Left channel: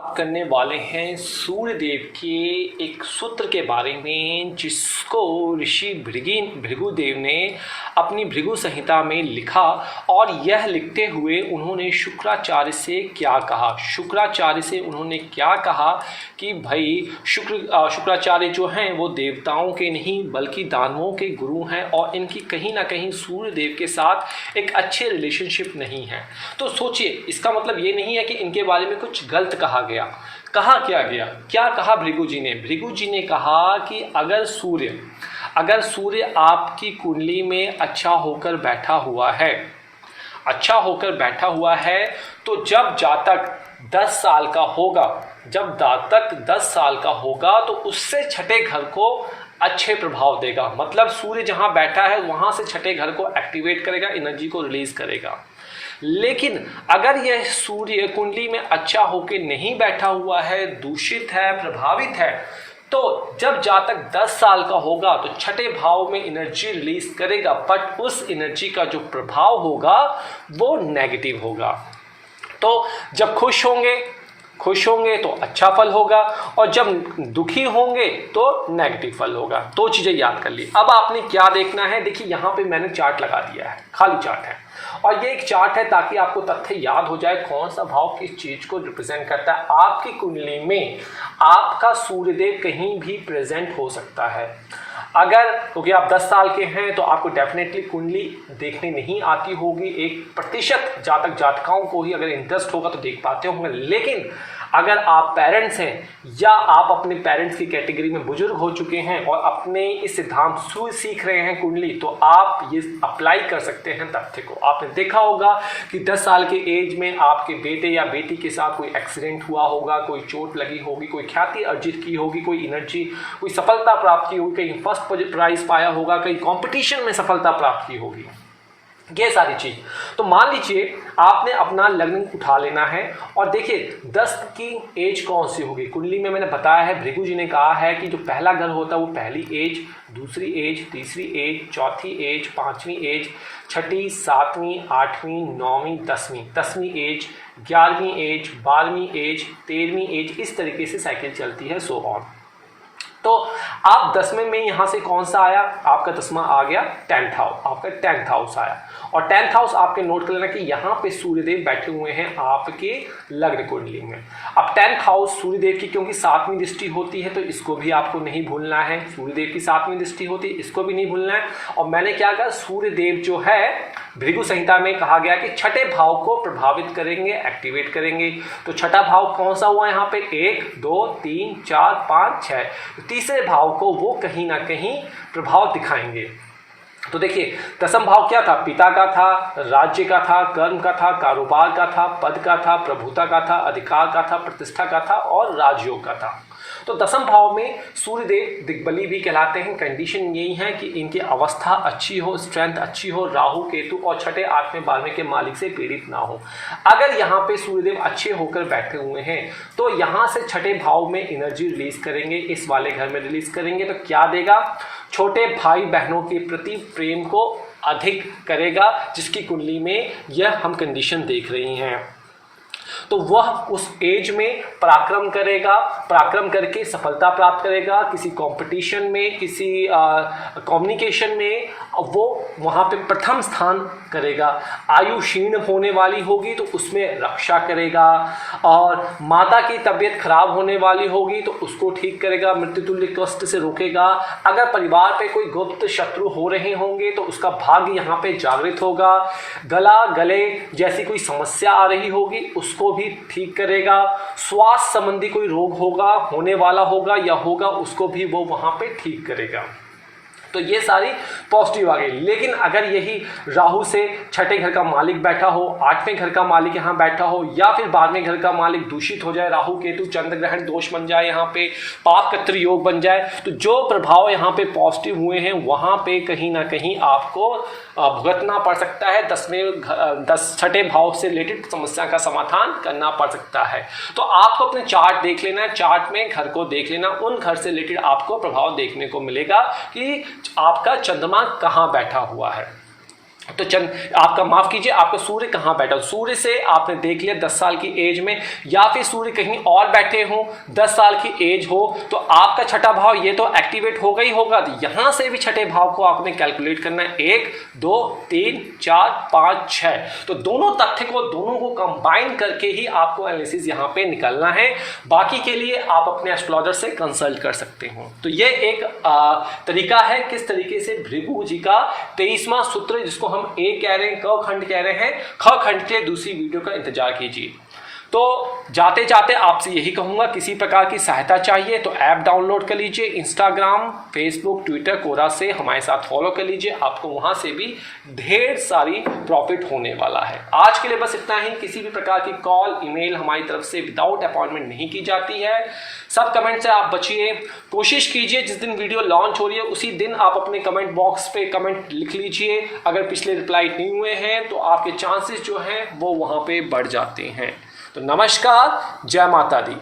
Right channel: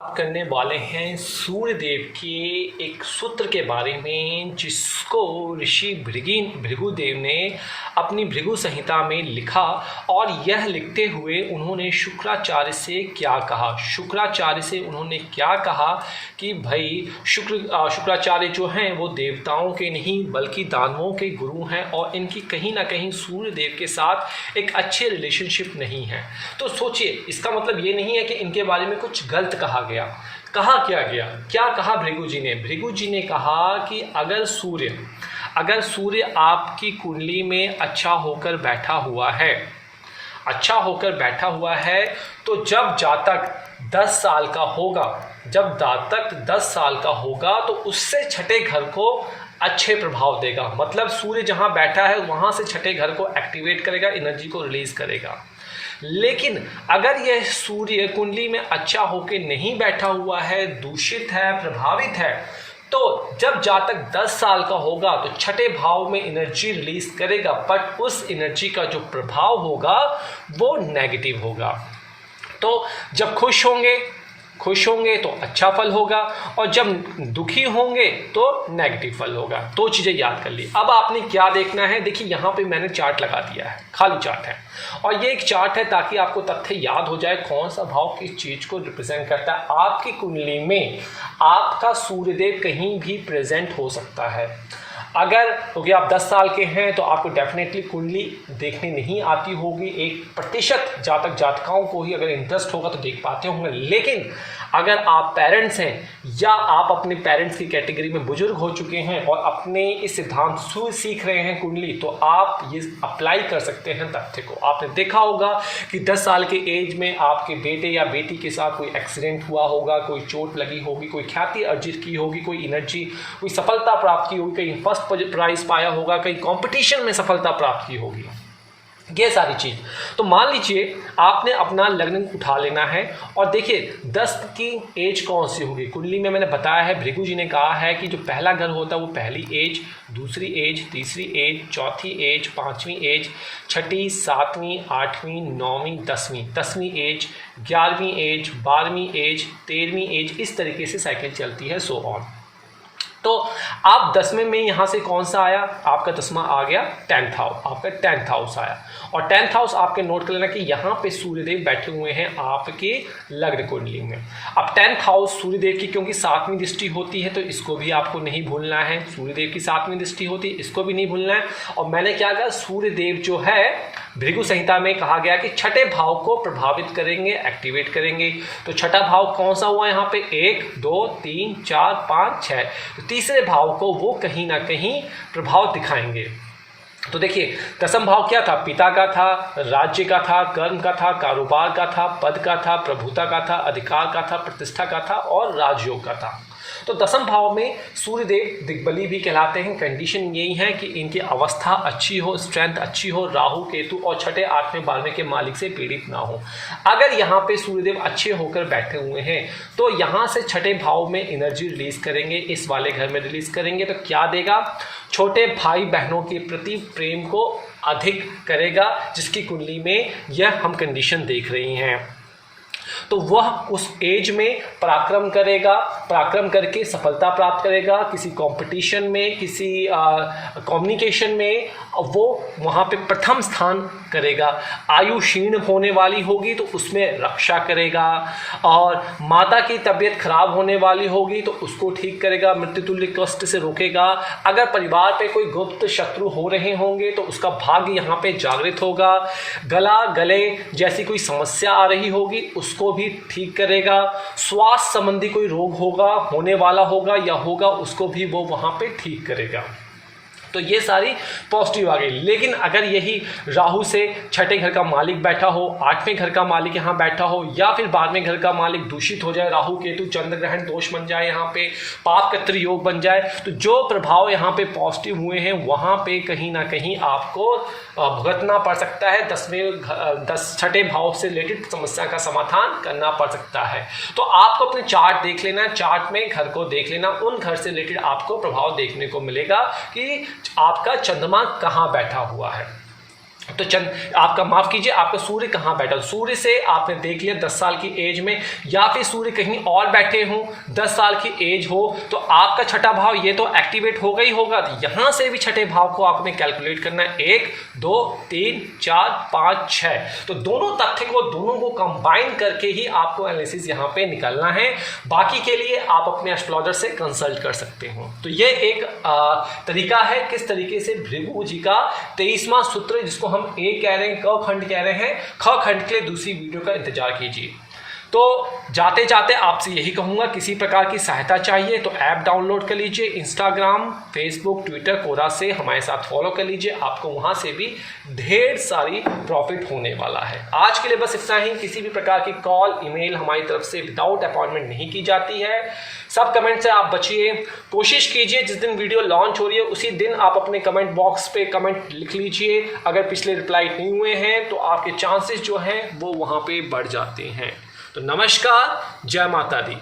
बात करने वाले हैं सूर्य देव के एक सूत्र के बारे में जिसको ऋषि भृगुदेव ने अपनी भृगु संहिता में लिखा। और यह लिखते हुए उन्होंने शुक्राचार्य से क्या कहा कि भाई शुक्राचार्य जो हैं वो देवताओं के नहीं बल्कि दानवों के गुरु हैं और इनकी कहीं ना कहीं सूर्य देव के साथ एक अच्छे रिलेशनशिप नहीं है। तो सोचिए, इसका मतलब ये नहीं है कि इनके बारे में कुछ गलत कहा गया। कहा क्या कहा भृगु जी ने कहा कि अगर सूर्य आपकी कुंडली में अच्छा होकर बैठा हुआ है तो जब जातक 10 साल का होगा तो उससे छठे घर को अच्छे प्रभाव देगा। मतलब सूर्य जहां बैठा है वहां से छठे घर को एक्टिवेट करेगा, एनर्जी को रिलीज करेगा। लेकिन अगर यह सूर्य कुंडली में अच्छा होकर नहीं बैठा हुआ है, दूषित है, प्रभावित है, तो जब जातक 10 साल का होगा तो छठे भाव में एनर्जी रिलीज करेगा, बट उस एनर्जी का जो प्रभाव होगा वो नेगेटिव होगा। तो जब खुश होंगे तो अच्छा फल होगा और जब दुखी होंगे तो नेगेटिव फल होगा। दो चीज़ें याद कर ली। अब आपने क्या देखना है, देखिए यहाँ पे मैंने चार्ट लगा दिया है, खाली चार्ट है और ये एक चार्ट है ताकि आपको तथ्य याद हो जाए कौन सा भाव किस चीज़ को रिप्रेजेंट करता है। आपकी कुंडली में आपका सूर्यदेव कहीं भी प्रेजेंट हो सकता है। अगर क्योंकि आप 10 साल के हैं तो आपको डेफिनेटली कुंडली देखने नहीं आती होगी। 1% जातक जातिकाओं को ही अगर इंटरेस्ट होगा तो देख पाते होंगे। लेकिन अगर आप पेरेंट्स हैं या आप अपने पेरेंट्स की कैटेगरी में बुजुर्ग हो चुके हैं और अपने इस सिद्धांत से सीख रहे हैं कुंडली, तो आप ये अप्लाई कर सकते हैं तथ्य को। आपने देखा होगा कि 10 साल के एज में आपके बेटे या बेटी के साथ कोई एक्सीडेंट हुआ होगा, कोई चोट लगी होगी, कोई ख्याति अर्जित की होगी, कोई एनर्जी, कोई सफलता प्राप्त की होगी, कहीं फर्स्ट प्राइज पाया होगा, कहीं कंपटीशन में सफलता प्राप्त की होगी, ये सारी चीज। तो मान लीजिए आपने अपना लग्न उठा लेना है और देखिए 10 की एज कौन सी होगी। कुंडली में मैंने बताया है, भृगु जी ने कहा है कि जो पहला घर होता है वो पहली एज, दूसरी एज, तीसरी एज, चौथी एज, पांचवी एज, छठी, सातवीं, आठवीं, नौवीं, 10वीं एज, 11वीं एज, 12वीं एज, 13वीं एज, इस तरीके से साइकिल चलती है, सो ऑन। तो आप 10वें में यहां से कौन सा आया, आपका 10वां आ गया 10th हाउस, आपका 10th हाउस आया। और 10th हाउस आपके नोट कर लेना कि यहां पे सूर्यदेव बैठे हुए हैं आपके लग्न कुंडली में। अब 10th हाउस सूर्यदेव की क्योंकि 7वीं दृष्टि होती है तो इसको भी आपको नहीं भूलना है। सूर्यदेव की 7वीं दृष्टि होती है, इसको भी नहीं भूलना है। और मैंने क्या कहा, सूर्यदेव जो है भृगु संहिता में कहा गया कि छठे भाव को प्रभावित करेंगे, एक्टिवेट करेंगे। तो छठा भाव कौन सा हुआ यहाँ पे, 1 2 3 4 5 6, तो तीसरे भाव को वो कहीं ना कहीं प्रभाव दिखाएंगे। तो देखिए 10म भाव क्या था, पिता का था, राज्य का था, कर्म का था, कारोबार का था, पद का था, प्रभुता का था, अधिकार का था, प्रतिष्ठा का था और राजयोग का था। तो 10म भाव में सूर्यदेव दिग्बली भी कहलाते हैं। कंडीशन यही है कि इनकी अवस्था अच्छी हो, स्ट्रेंथ अच्छी हो, राहु केतु और छठे 8वें 12वें के मालिक से पीड़ित ना हो। अगर यहाँ पे सूर्यदेव अच्छे होकर बैठे हुए हैं तो यहाँ से छठे भाव में एनर्जी रिलीज करेंगे, इस वाले घर में रिलीज करेंगे। तो क्या देगा, छोटे भाई बहनों के प्रति प्रेम को अधिक करेगा, जिसकी कुंडली में यह हम कंडीशन देख रही हैं। तो वह उस एज में पराक्रम करेगा, पराक्रम करके सफलता प्राप्त करेगा, किसी कंपटीशन में, किसी कम्युनिकेशन में वो वहाँ पे प्रथम स्थान करेगा। आयु क्षीण होने वाली होगी तो उसमें रक्षा करेगा, और माता की तबीयत खराब होने वाली होगी तो उसको ठीक करेगा, मृत्युतुल्य कष्ट से रोकेगा। अगर परिवार पे कोई गुप्त शत्रु हो रहे होंगे तो उसका भाग्य यहाँ पे जागृत होगा। गले जैसी कोई समस्या आ रही होगी उसको भी ठीक करेगा। स्वास्थ्य संबंधी कोई रोग होगा, होने वाला होगा या होगा, उसको भी वो वहां पे ठीक करेगा। तो ये सारी पॉजिटिव आ गई। लेकिन अगर यही राहु से छठे घर का मालिक बैठा हो, 8वें घर का मालिक यहाँ बैठा हो, या फिर 12वें घर का मालिक दूषित हो जाए, राहु केतु चंद्र ग्रहण दोष बन जाए, यहाँ पे पाप कत्र योग बन जाए, तो जो प्रभाव यहाँ पे पॉजिटिव हुए हैं वहाँ पे कहीं ना कहीं आपको भुगतना पड़ सकता है। 10छठे भाव से रिलेटेड समस्या का समाधान करना पड़ सकता है। तो आपको अपने चार्ट देख लेना है, चार्ट में घर को देख लेना, उन घर से रिलेटेड आपको प्रभाव देखने को मिलेगा कि आपका चंद्रमा कहाँ बैठा हुआ है। तो चंद आपका माफ कीजिए, आपका सूर्य कहाँ बैठा, सूर्य से आपने देख लिया 10 साल की एज में, या फिर सूर्य कहीं और बैठे हो 10 साल की एज हो, तो आपका छठा भाव ये तो एक्टिवेट होगा ही होगा। तो यहां से भी छठे भाव को आपने कैलकुलेट करना है, 1 2 3 4 5 6। तो दोनों तथ्य को, दोनों को कंबाइन करके ही आपको एनालिसिस यहां पे निकालना है। बाकी के लिए आप अपने एस्ट्रोलॉजर से कंसल्ट कर सकते हो। तो ये एक तरीका है किस तरीके से भृगु जी का 23वां सूत्र, जिसको हम ए कह रहे हैं, क खंड कह रहे हैं, ख खंड के लिए दूसरी वीडियो का इंतजार कीजिए। तो जाते जाते आपसे यही कहूंगा, किसी प्रकार की सहायता चाहिए तो ऐप डाउनलोड कर लीजिए, इंस्टाग्राम, फेसबुक, ट्विटर, कोरा से हमारे साथ फॉलो कर लीजिए, आपको वहां से भी ढेर सारी प्रॉफिट होने वाला है। आज के लिए बस इतना ही। किसी भी प्रकार की कॉल, ईमेल हमारी तरफ से विदाउट अपॉइंटमेंट नहीं की जाती है। सब कमेंट से आप बचिए। कोशिश कीजिए जिस दिन वीडियो लॉन्च हो रही है उसी दिन आप अपने कमेंट बॉक्स पे कमेंट लिख लीजिए। अगर पिछले रिप्लाई नहीं हुए हैं तो आपके चांसेस जो हैं वो वहां पे बढ़ जाते हैं। तो नमस्कार, जय माता दी।